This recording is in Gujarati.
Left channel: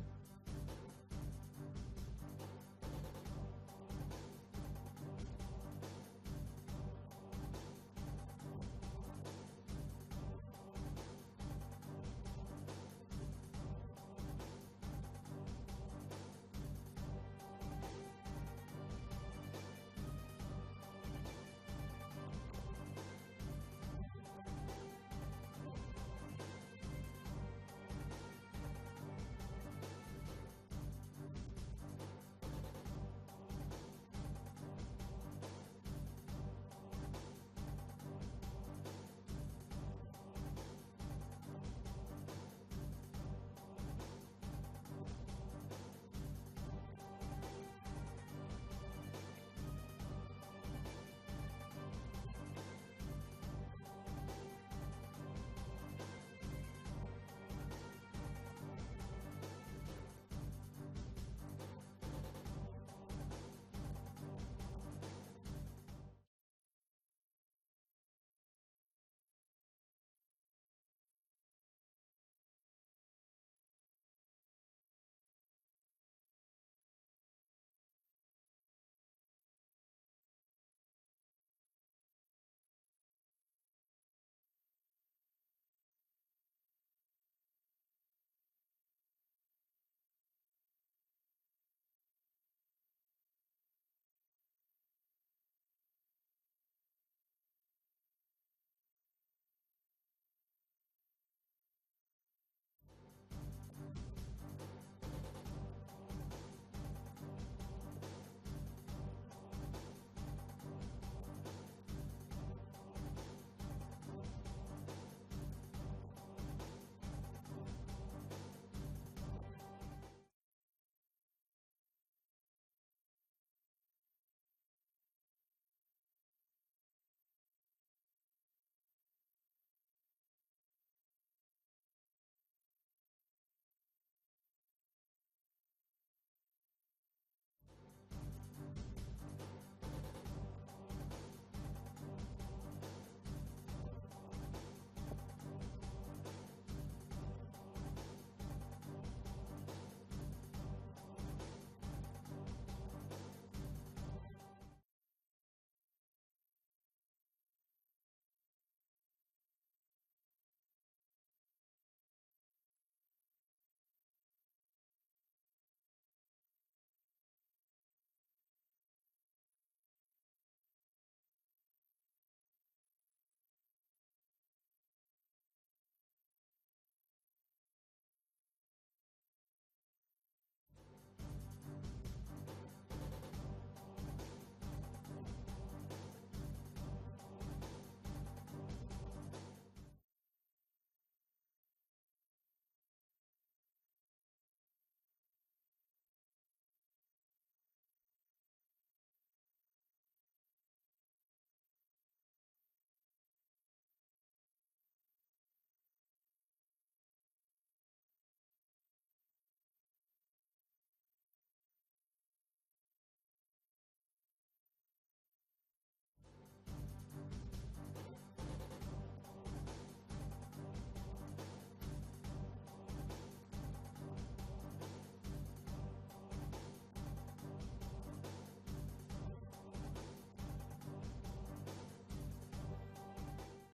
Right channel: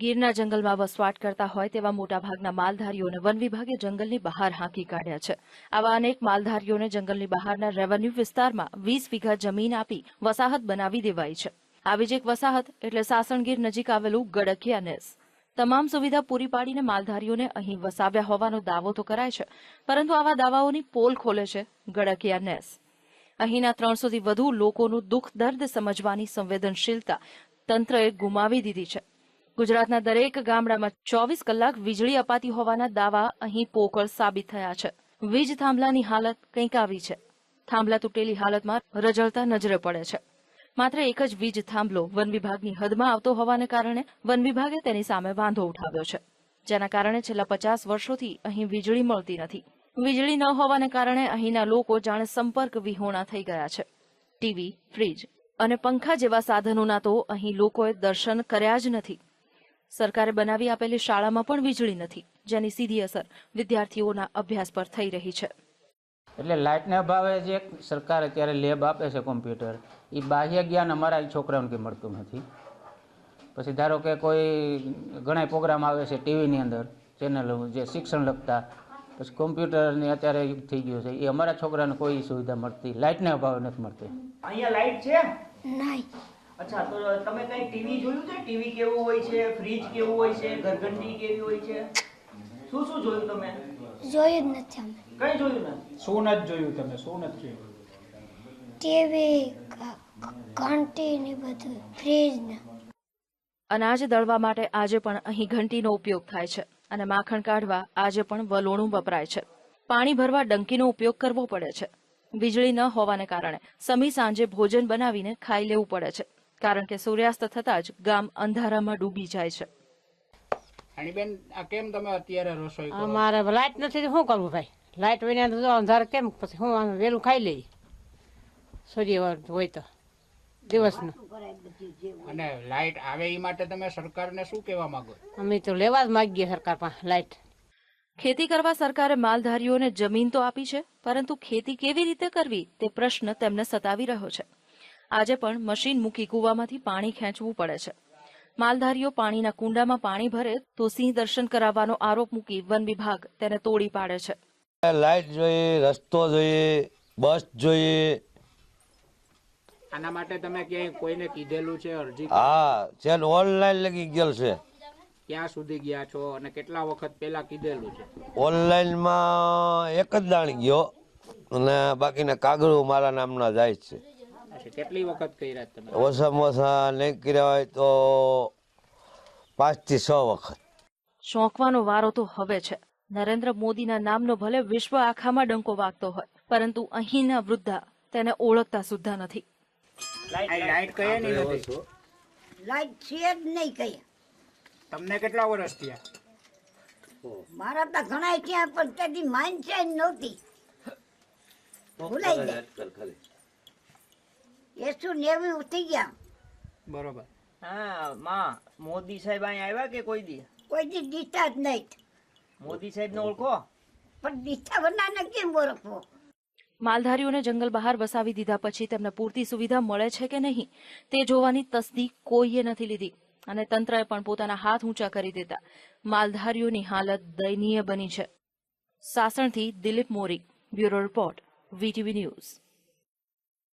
ગીરના જંગલમાં વસવાટ કરતા હોય તેવા મોટાભાગના માલધારીઓને વન વિભાગે જંગલની બહાર હાંકી કાઢ્યા છે. આવા અનેક માલધારીઓને જંગલની બહારના રેવન્યુ વિસ્તારમાં વીસ વીઘા જમીન આપી વસાહત બનાવી દેવાઈ છે. આવી જ એક વસાહત એટલે સાસણગીર નજીક આવેલું ગડકિયા નેસ. તમામ સુવિધા પૂરી પાડીને માલધારીઓને અહીં વસાવ્યા હોવાનો દાવો તો કરાય છે, પરંતુ આવા દાવાઓની પોલ ખોલે છે ગડકિયા નેસ. અહીંના ત્રણસોથી વધુ લોકોનું દુઃખ દર્દ સમજવાની સંવેદનશીલતા તંત્રએ ગુમાવી દીધી છે. ગુજરાતના દરેક ગામડામાં ચોવીસ કલાક વીજળી અપાતી હોવાના દાવા અહીં પોકળ સાબિત થયા છે. વીજ થાંભલાની હાલત કંઈક આવી છે. થાંભલા તૂટેલી હાલતમાં રજળતા નજરે પડે છે. માત્ર એક જ વીજ થાંભલો વન વિભાગની હદમાં આવતો હોવાને કારણે વન વિભાગે તેની સામે વાંધો ઉઠાવ્યો છે. જેના કારણે છેલ્લા પચાસ વર્ષોથી અહીં વીજળી મળતી નથી. વીજળી ન હોવાને કારણે અહીંના લોકો જાણે સંપર્ક વિહોણા થઈ ગયા છે. ટીવી, ફ્રીજ અને પંખા જેવા સાધનોના તો અહીં લોકોએ દર્શન કર્યા જ નથી. સરકારે બનાવી આપેલી શાળામાં પણ વીજળી નથી જેની સીધી અસર વિદ્યાર્થીઓના અભ્યાસ પર થઈ રહી છે. એટલે લાઇટના અભાવે જે સરકાર અત્યારે લેબ આપે છે કોમ્પ્યુટર એ બાહ્ય જ્ઞાન અમારા છોકરાઓને કંઈ મળતું નથી. પછી ધારો કે કોઈ ઘણા પ્રોગ્રામ આવે છે ટીવીની અંદર ચેનલો જે શિક્ષણ લગતા પછી કોમ્પ્યુટરની અત્યારે યુગ થઈ ગયું છે એ અમારા છોકરાને કોઈ સુવિધા મળતી લાઇટના અભાવે નથી મળતી. અહીંયા લાઇટ છે? નહીં. અચ્છા તો તમે કઈ ટીવી જોયું છે? ટીવી કેવું હોય છે? ફ્રીજ કેવું હોય છે? ઘરઘંટી કેવી હોય છે? શું શું જોયું તમે? જોયું જ નથી અમે. કઈ જોયું ને શું નથી જોયું તમે? શું નથી જોયું? ટીવી ઘંટી ને બધું ફ્રીજ ને. અનાજ દળવા માટે આજે પણ અહીં ઘંટીનો ઉપયોગ થાય છે અને માખણ કાઢવા આજે પણ વલોણું વપરાય છે. પાણી ભરવા ડંકીનો ઉપયોગ કરવો પડે છે. વીજળી ન હોવાને કારણે સમી સાંજે ભોજન બનાવીને ખાઈ લેવું પડે છે. કારણ કે સૂર્યાસ્ત થતાં જ ગામ અંધારામાં ડૂબી જાય છે. બેન આ કેમ તમે અત્યારે રસોઈ કરો? અમારે લાઈટ નથી શું કરવું ભાઈ? લાઈટ વિના તો અંધાર કેમ? પછી હું વેલું ખાઈ લઈ. સૂર્ય હોય તો. દિવસનું. અને લાઈટ આવે એ માટે તમે સરકારને શું કહેવા માંગો? અમે તો લેવા જ માગીએ સરકાર પાસે લાઈટ. ખેતી કરવા સરકારે માલધારીઓને જમીન તો આપી છે પરંતુ ખેતી કેવી રીતે કરવી તે પ્રશ્ન તેમને સતાવી રહ્યો છે. આજે પણ મશીન મૂકી કૂવામાંથી પાણી ખેંચવું પડે છે. માલધારીઓ પાણીના કુંડામાં પાણી ભરે તો સિંહ દર્શન કરાવવાનો આરોપ મૂકી વન વિભાગ તેને તોડી પાડે છે. લાઇટ જોઈએ રસ્તો જોઈએ બસ જોઈએ. આના માટે તમે ક્યાંય કોઈને કીધેલું છે અરજી હા છે ઓનલાઈન લગી ગયેલ છે. ક્યાં સુધી ગયા છો અને કેટલા વખત પહેલા કીધેલું છે? ઓનલાઈનમાં એક જ દાણ ગયો અને બાકીના કાગળો મારા નામના જાય જ છે. કેટલી વખત કર્યા તમે? ઓછામાં ઓછા નહીં કર્યા હોય તો પાંચથી છ વખત. શોખવાનો વારો તો હવે છે. નરેન્દ્ર મોદીના નામનો ભલે વિશ્વ આખામાં ડંકો વાગતો હોય પરંતુ અહીંના વૃદ્ધા તેને ઓળખતા સુદ્ધા નથી. લાઈટ કયા નહીં નથી? લાઈટ છે જ નહીં કઈ. તમને કેટલા વર્ષ થયા? મારા તો ઘણા ત્યાં પણ તેની માન છે નહોતી. ભૂલાઈ જાય એસો નેવું ઉઠી ગયા. બરોબર. હા માં મોદી સાહેબ અહીંયા આવ્યા કે કોઈ દી? કોઈ દી દીતા જ નહીં. મોદી સાહેબ ને ઓળખો? પણ દીઠા બનાને કેમ ઓળખો? માલધારીઓને જંગલ બહાર વસાવી દીધા પછી તેમને પૂરતી સુવિધા મળે છે કે નહીં તે જોવાની તસ્દી કોઈએ નથી લીધી. અને તંત્રએ પણ પોતાના હાથ ઊંચા કરી દીધા માલધારીઓની હાલત દયનીય બની છે. સાસણથી Dilip Mori bureau report VTV news.